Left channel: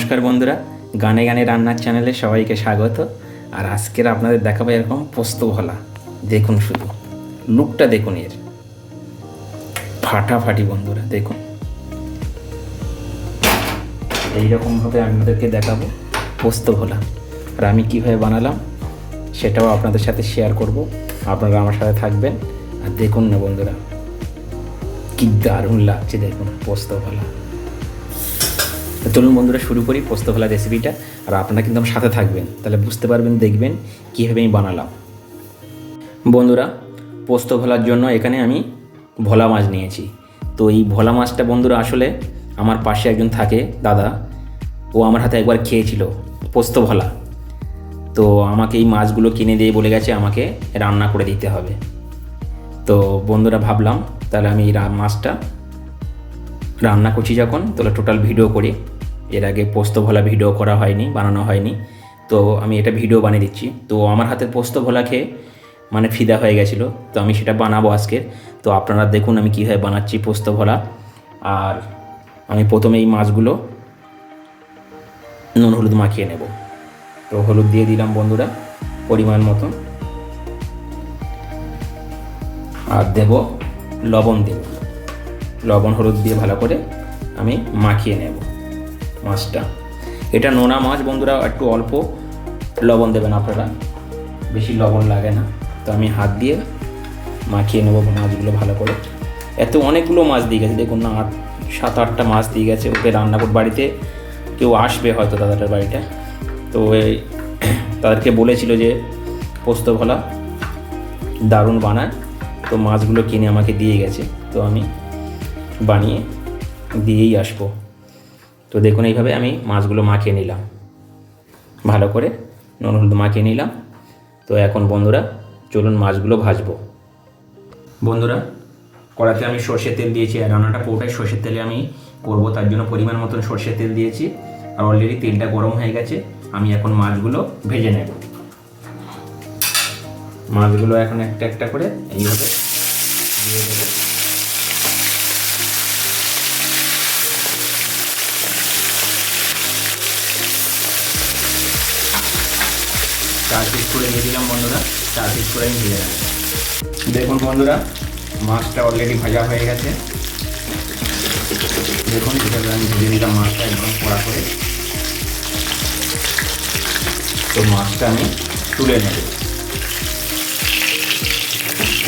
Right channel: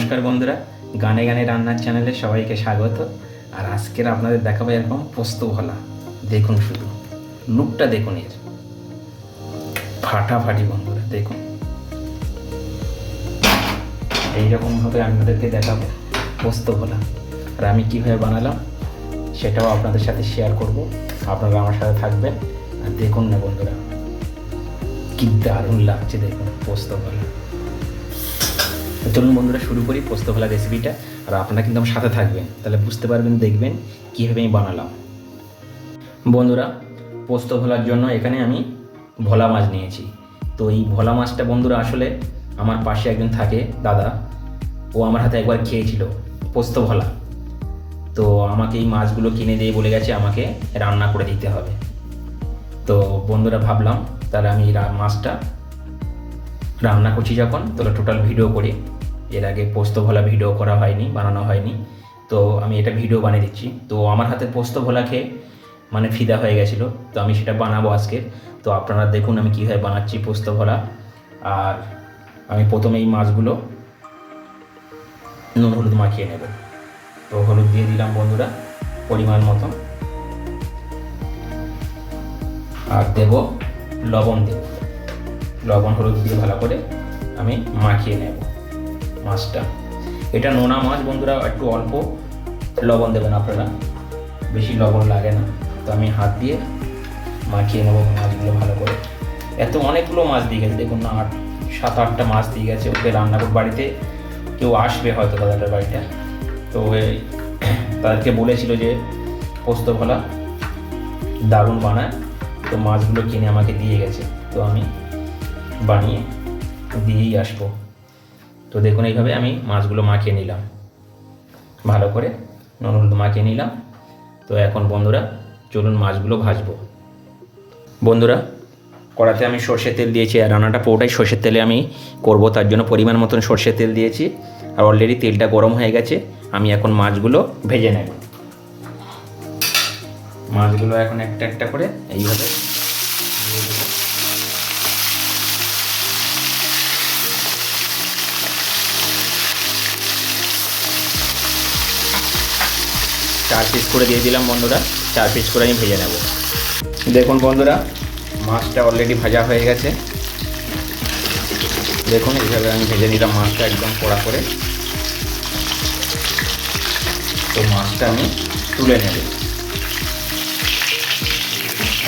নমস্কার বন্ধুরা, গানে গানে রান্নার চ্যানেলে সবাইকে স্বাগত। আর আজকের আপনাদের দেখাবো এরকম পোস্ত ভোলা। দেখুন শুধু, লুকটা দেখুন এর। ফাটাফাটি বন্ধুরা, দেখুন। এইরকমভাবে আপনাদেরকে দেখাবো পোস্ত ভোলা। আর আমি কীভাবে বানালাম, সেটাও আপনাদের সাথে শেয়ার করব। আপনারা আমার সাথে থাকবেন। আর দেখুন না বন্ধুরা, কি দারুণ লাগছে দেখুন পোস্ত ভোলা। চলুন বন্ধুরা, শুরু করি পোস্ত ভোলা রেসিপিটা আর আপনারা কিন্তু আমার সাথে থাকবেন। তাহলে বুঝতে পারবেন, দেখবেন কীভাবে আমি বানালাম। বন্ধুরা পোস্ত ভোলার জন্য এখানে আমি ভোলা মাছ নিয়েছি। তো এই ভোলা মাছটা বন্ধুরা, আসলে আমার পাশে একজন থাকে, দাদা। ও আমার হাতে একবার খেয়েছিল পোস্ত ভোলা তো আমাকে এই মাছগুলো কিনে দিয়ে বলে গেছে, আমাকে রান্না করে দিতে হবে। তো বন্ধুরা, ভাবলাম তাহলে আমি এই মাছটা রান্না করছি যখন। তাহলে টোটাল ভিডিও করি। এর আগে পোস্ত ভোলা ভিডিও করা হয়নি, বানানো হয়নি। তো আমি এটা ভিডিও বানিয়ে দিচ্ছি। তো আমার হাতে পোস্ত ভোলা খেয়ে মানে ফিদা হয়ে গেছিল। তো আমি সেটা বানাবো আজকে তো আপনারা দেখুন আমি কীভাবে বানাচ্ছি পোস্ত ভোলা আর আমি প্রথমে এই মাছগুলো নুন, হলুদ মাখিয়ে নেব। তো হলুদ দিয়ে দিলাম বন্ধুরা, পরিমাণ মতন আর দেব লবণ দেব লবণ, হলুদ দিয়ে ভালো করে আমি মাখিয়ে নেব। মাছটা। এটা নোনা মাছ, বন্ধুরা, একটু অল্প লবণ দেবেন আপনারা। বেশি লবণ লাগে না। তো আমি হাত দিয়ে মাখিয়ে নেব মাছগুলো ভালো করে। এত অনেকগুলো মাছ দিয়ে গেছে। দেখুন না আট সাত আটটা মাছ দিয়ে গেছে। ওকে রান্না করে বাড়িতে কেউ আসবে হয়তো দাদাটার বাড়িটা তো তাদেরকে বলেছিল যে, পোস্ত ভোলা দারুণ বানায়। তো মাছগুলো কিনে আমাকে দিয়ে গেছে। তো আমি বানিয়ে দিয়েই আসব। তো দেখুন এইভাবে আমি মাছগুলো মাখিয়ে নিলাম। ভালো করে নুন হলুদ মাখিয়ে নিলাম। তো এখন বন্ধুরা চলুন মাছগুলো ভাজবো। বন্ধুরা, কড়াতে আমি সর্ষের তেল দিয়েছি আর রান্নাটা পুরোটাই সর্ষের তেলে আমি করব। তার জন্য পরিমাণ মতন সর্ষের তেল দিয়েছি। আর অলরেডি তেলটা গরম হয়ে গেছে। আমি এখন মাছগুলো ভেজে নেব। মাছগুলো এখন একটা একটা করে এইভাবে চার পিস করে দিয়ে দিলাম বন্ধুরা, চার পিস করে আমি ভেজে নেব। দেখুন বন্ধুরা, মাছটা অলরেডি ভাজা হয়ে গেছে। দেখুন, এইভাবে আমি ভেজে দিলাম মাছটা একদম কড়া করে। তো মাছটা আমি তুলে নেব।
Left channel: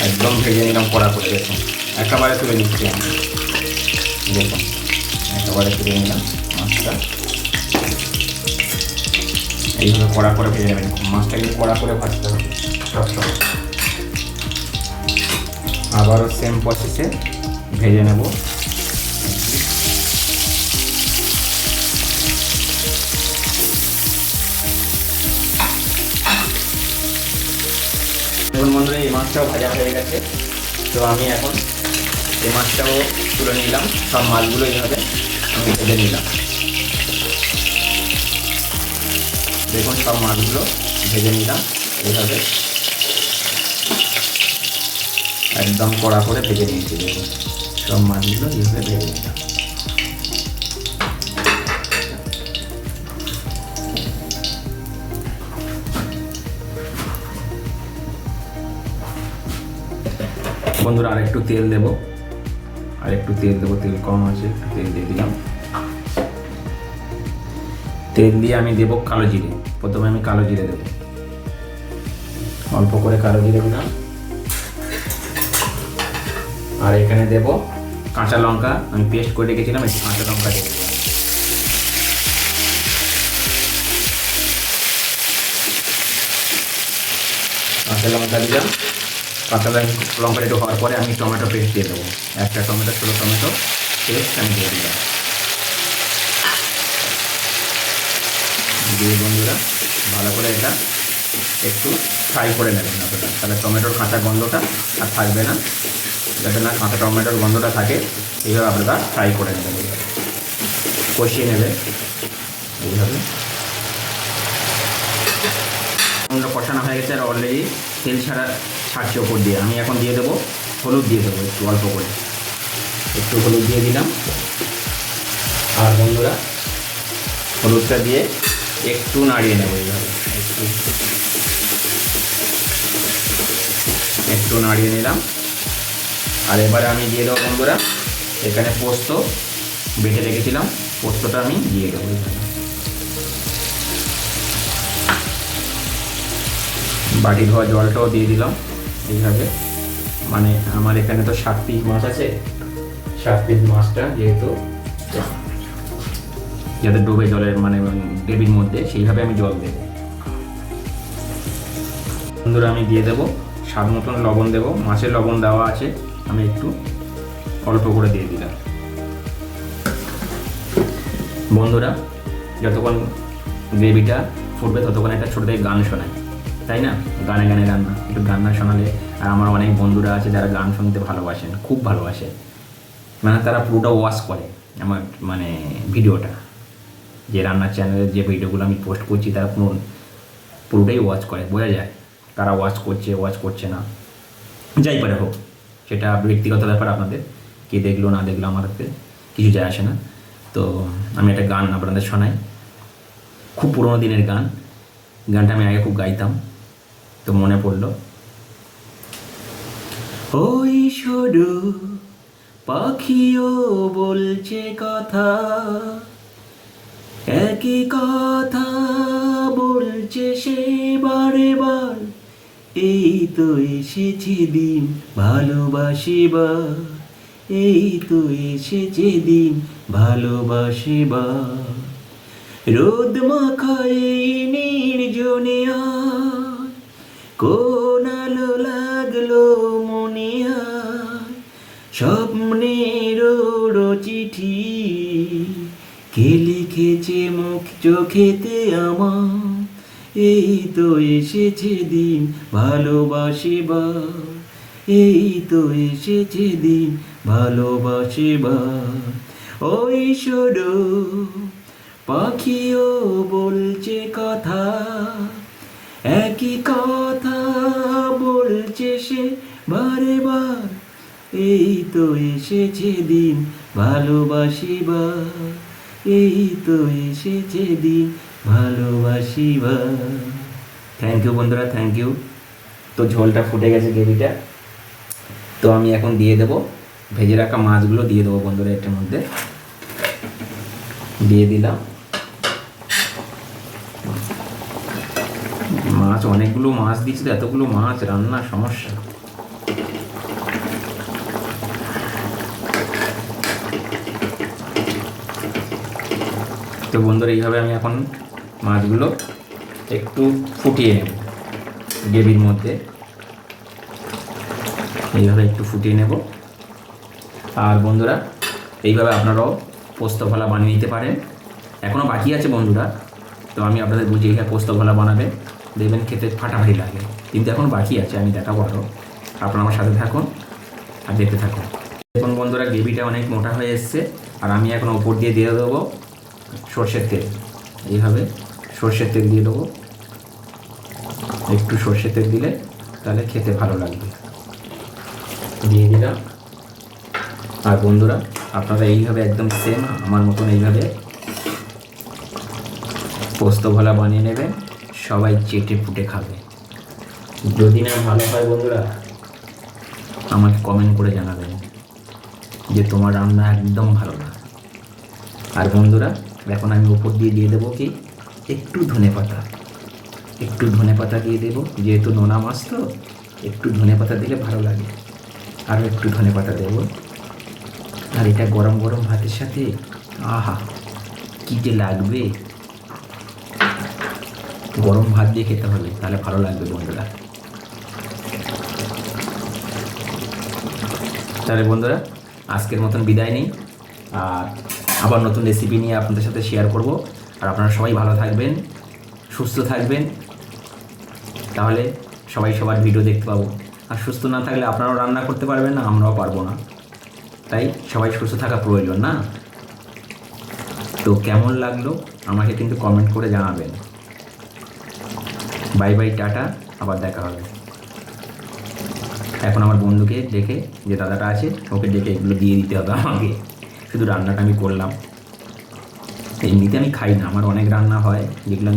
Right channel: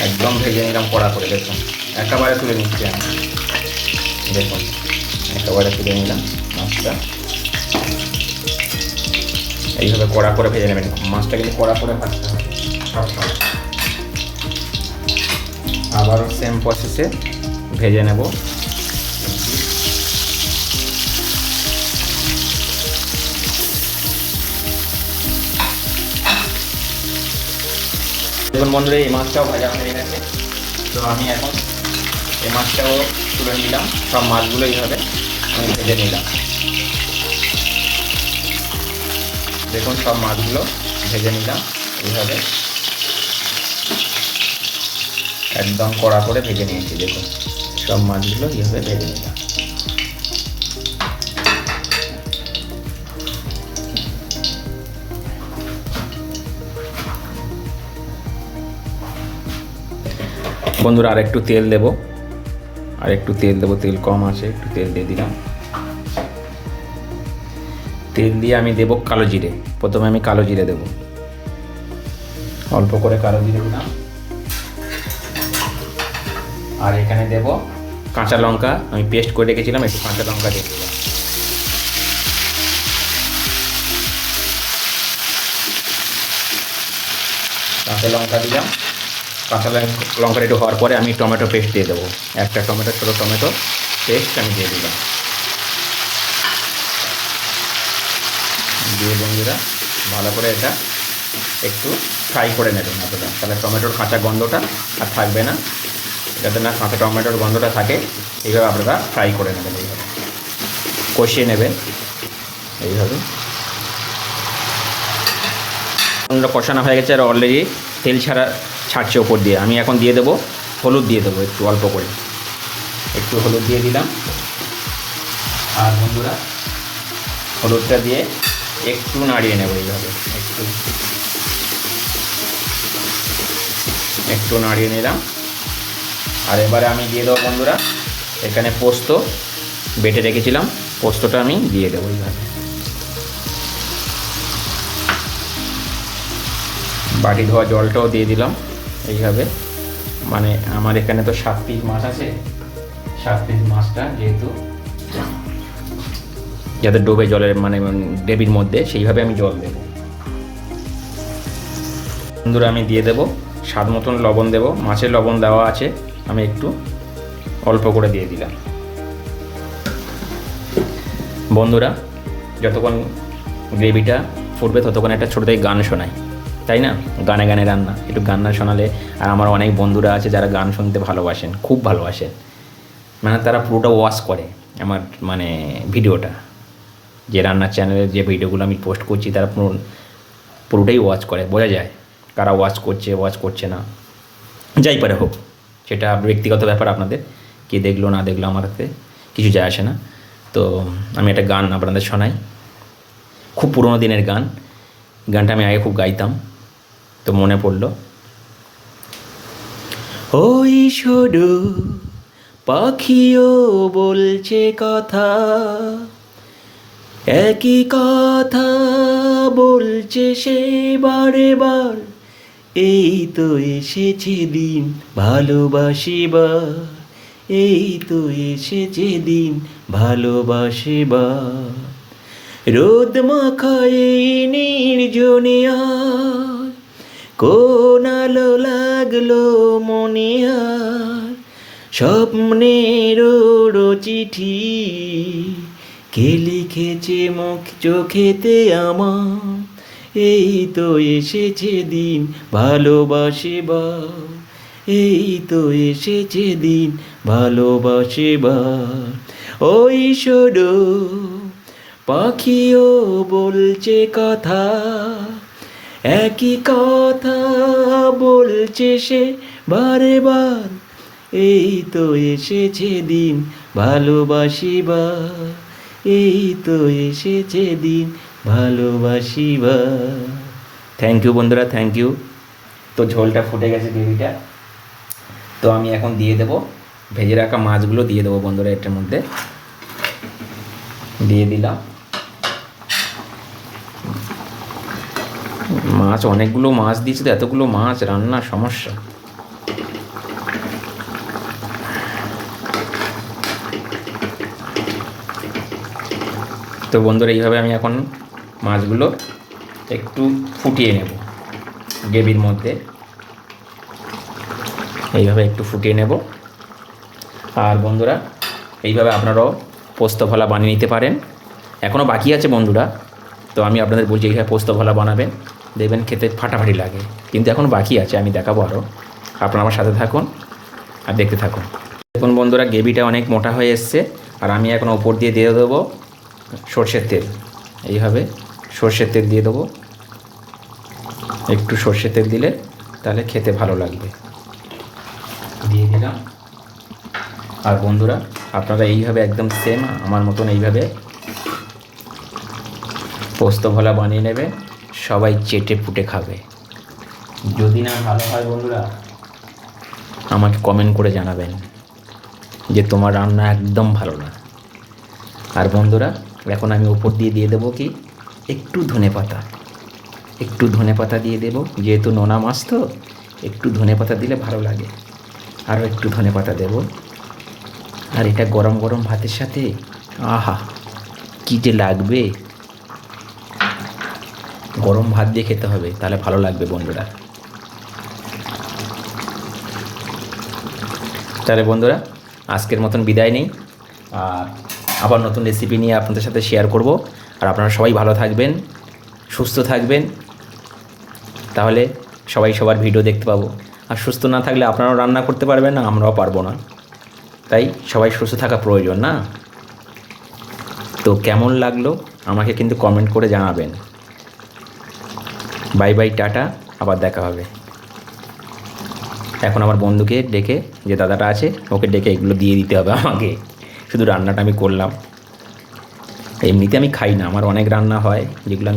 একদম ভেজে নিলাম কড়া করে, দেখুন। একেবারে তুলে নিচ্ছি আমি। দেখুন, একেবারে তুলে নিলাম মাছটা। এইভাবে কড়া করে ভেজে নেবেন। মাছটা কিন্তু কড়া করে ভাজতে হবে। আবারও সেম প্রসেসে ভেজে নেব। বন্ধুরা, এই মাছটাও ভাজা হয়ে গেছে। তো আমি এখন এই মাছটাও তুলে নিলাম। সব মাছগুলো এইভাবে আমি ভেজে নিলাম। দেখুন সব মাছগুলো ভেজে নিলাম এইভাবে একদম কড়া করে ভেজে নিয়েছি দেখুন। সব মাছগুলো এইভাবে ভেজে নিলাম। বন্ধুরা আর একটু তেল দেবো। আর একটু তেল দেবো, তেল কম আছে, একটু তেল দিয়ে দিলাম। তেল দিয়ে আমি দেবো কালো জিরে। প্রথমে আমি কালো জিরে দেবো। অল্প করে কালো জিরে দিলাম। আর এখানে দেব কাঁচা লঙ্কা। আমি পেস্ট করে রেখেছিলাম, একটু কাঁচা লঙ্কা দিয়ে। কাঁচা লঙ্কা দিলাম। কাঁচা লঙ্কা- একটু হওয়ার পরে আমি টমেটো পেস্ট দিয়ে দেবো। একটা টমেটো, ছোটো টমেটো, পেস্ট আমি দিয়ে দিলাম দিয়ে বন্ধুরা ভালো করে এটা একটু ফ্রাই করে নেবেন আপনারা। তাহলে টমেটোর কাঁচা গন্ধটা আর থাকবে না। যাতে না কাঁচা টমেটোর গন্ধটা থাকে, এইভাবে আপনারা ফ্রাই করে নেবেন এইভাবে। কষিয়ে নেবেন। এইভাবে। বন্ধুরা কষানো হয়ে গেছে আর অলরেডি তেল ছাড়া ছাড়ছে ওপর দিয়ে। আমি এখন দিয়ে দেবো, হলুদ দিয়ে দেবো একটু অল্প করে। একটু হলুদ দিয়ে দিলাম। আর বন্ধুরা, হলুদটা দিয়ে একটু নাড়িয়ে নেব এইভাবে একটু নাড়িয়ে নিলাম। আর এবারে আমি দিয়ে দেবো বন্ধুরা, এখানে পোস্ত বেটে রেখেছিলাম। পোস্তটা আমি দিয়ে দেবো এখানে। বাটি ধোয়া জলটাও দিয়ে দিলাম এইভাবে। মানে আমার এখানে তো সাত পিস মাছ আছে। সাত পিস মাছটা যেহেতু যাতে ডুবে জলের মানে গ্রেভির মধ্যে, সেইভাবে আমি জল দেবো। বন্ধুরা, আমি দিয়ে দেবো। স্বাদ মতন লবণ দেবো। মাছের লবণ দেওয়া আছে। আমি একটু অল্প করে দিয়ে দিলাম। বন্ধুরা, যতক্ষণ গ্রেভিটা ফুটবে, ততক্ষণ একটা ছোটো থেকে গান শোনাই। তাই না? গানে গানে রান্না। একটু গান না শোনালে আর আমার অনেক বন্ধুরা আছে যারা গান শুনতে ভালোবাসেন, খুব ভালোবাসেন। মানে তারা পুরোটা ওয়াশ করে আমার মানে ভিডিওটা। যে রান্নার চ্যানেলে যে ভিডিওগুলো আমি পোস্ট করছি, তারা পুরো, পুরোটাই ওয়াচ করে, বোঝা যায় কারা ওয়াচ করছে ওয়াচ করছে না। যাই পারে হোক, সেটা ব্যক্তিগত ব্যাপার আপনাদের, কে দেখল, না দেখল আমার হাতে, কিছু যায় আসে না। তো আমি একটা গান আপনাদের শোনাই। খুব পুরোনো দিনের গান, গানটা আমি আগে খুব গাইতাম, তো মনে পড়ল। ওই শুধু পাখিও বলছে কথা একই কথা বলছে সে বারে বার এই তো এসেছে দিন ভালোবাসিবার, এই তো এসেছে দিন ভালোবাসিবার। রোদ মাখায় নির্জনে আর কোন আলো লাগল মনে আর স্বপ্নের চিঠি কে লিখেছে মুখ, চোখেতে আমার। এই তো এসেছে দিন ভালোবাসিবার এই তো এসেছে দিন ভালোবাসিবার ওই সরো পাখিও বলছে কথা, একই কথা বলছে সে বারে বার এই তো এসেছে দিন ভালোবাসিবার এই তো এসেছে দিন ভালোবাসিবার থ্যাংক ইউ বন্ধুরা থ্যাংক ইউ তো ঝোলটা ফুটে গেছে গ্রেভিটা। তো আমি এখন দিয়ে দেবো। ভেজে রাখা মাছগুলো দিয়ে দেবো বন্ধুরা এটার মধ্যে। দিয়ে দিলাম। মাছ, অনেকগুলো মাছ দিয়েছে তো, এতগুলো মাছ, রান্নার সমস্যা। তো বন্ধুরা, এইভাবে আমি এখন মাছগুলো একটু ফুটিয়ে নেব। গ্রেভির মধ্যে। এইভাবে একটু ফুটিয়ে নেব। আর বন্ধুরা, এইভাবে আপনারাও পোস্ত ভলা বানিয়ে নিতে পারেন। এখনও বাকি আছে বন্ধুরা, তো আমি আপনাদের বলছি এইভাবে পোস্ত ভলা বানাবেন। দেখবেন খেতে ফাটাফাটি লাগে। কিন্তু এখন বাকি আছে, আমি দেখাবো আরও আপনারা আমার সাথে থাকুন আর দেখতে থাকুন। দেখুন বন্ধুরা, গ্রেভিটা অনেক মোটা হয়ে এসছে। আর আমি এখন ওপর দিয়ে দিয়ে দেবো। সর্ষের তেল। এইভাবে সর্ষের তেল দিয়ে দেবো। একটু সর্ষের তেল দিলে তাহলে খেতে ভালো লাগবে। দিয়ে দিলাম। আর বন্ধুরা, আপনারা এইভাবে একদম সেম আমার মতন এইভাবে পোস্ত ভোলা বানিয়ে নেবেন, সবাই চেটে পুটে খাবে। যদি না ভালো হয় বন্ধুরা, আমাকে কমেন্ট করে জানাবেন যে তোমার রান্না একদম ভালো না। আর বন্ধুরা এখন আমি উপর দিয়ে দিয়ে দেবো কি? একটু ধনে পাতা। একটু ধনে পাতা দিয়ে দেবো। যেহেতু নোনা মাছ তো, একটু ধনে পাতা দিলে ভালো লাগে। আরও একটু ধনে পাতা দেবো। আর এটা গরম গরম ভাতের সাথে, আহা, কী যে লাগবে। গরম ভাত দিয়ে খেতে হবে, তাহলে ভালো লাগবে বন্ধুরা। তাহলে বন্ধুরা, আজকের মতন বিদায় নেই। আর আবার নতুন রেসিপি নিয়ে আপনাদের সাথে শেয়ার করব। আর আপনারা সবাই ভালো থাকবেন, সুস্থ থাকবেন। তাহলে সবাই সবার ভিডিও দেখতে পাবো। আর সুস্থ না থাকলে আপনারাও রান্না করতে পারবেন না আমরাও পারব না। তাই সবাই সুস্থ থাকা প্রয়োজন না? তো কেমন লাগল? আমাকে কিন্তু কমেন্ট করে জানাবেন। বাই বাই টাটা, আবার দেখা হবে। এখন আমার বন্ধুকে ডেকে, যে দাদাটা আছে, ওকে ডেকে এগুলো দিয়ে দিতে হবে আমাকে। শুধু রান্নাটা আমি করলাম। এমনিতে আমি খাই না আমার অনেক রান্না হয় যেগুলো আমি